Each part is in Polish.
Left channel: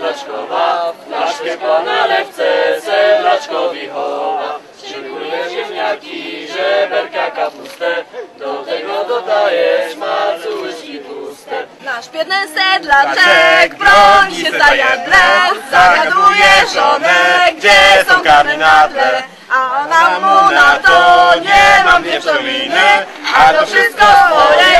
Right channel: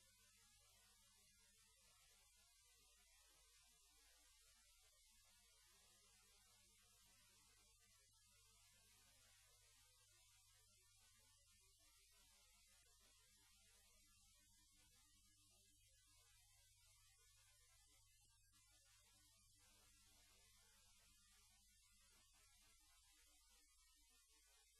sedlaczkowa, flaszkę pana lewce sedlaczkowi chowa. Szykuje ziemniaki, żeberka kapustę, do tego dodajesz macu łyżki puste. Nasz biedny sedlaczek broni się zajadle, zagaduje żonę, gdzie są karny na tle. A ona mu na to nie mam nie przeminę, a to wszystko swoje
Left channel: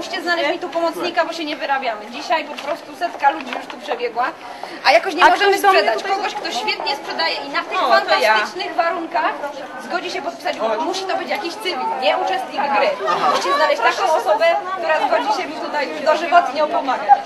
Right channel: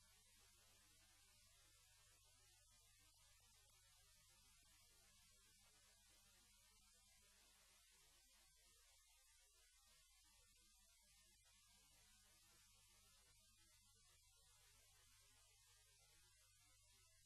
musicie znaleźć mi tu pomocnika, bo się nie wyrabiamy. Dzisiaj po prostu setka ludzi już tu przebiegła, a jakoś nie możemy sprzedać. Kogoś, kto świetnie sprzedaje i na tych fantastycznych warunkach zgodzi się podpisać umowę. Musi to być jakiś cywil, nie uczestnik gry. Musicie znaleźć taką osobę, która zgodzi się mi tutaj dożywotnio pomagać.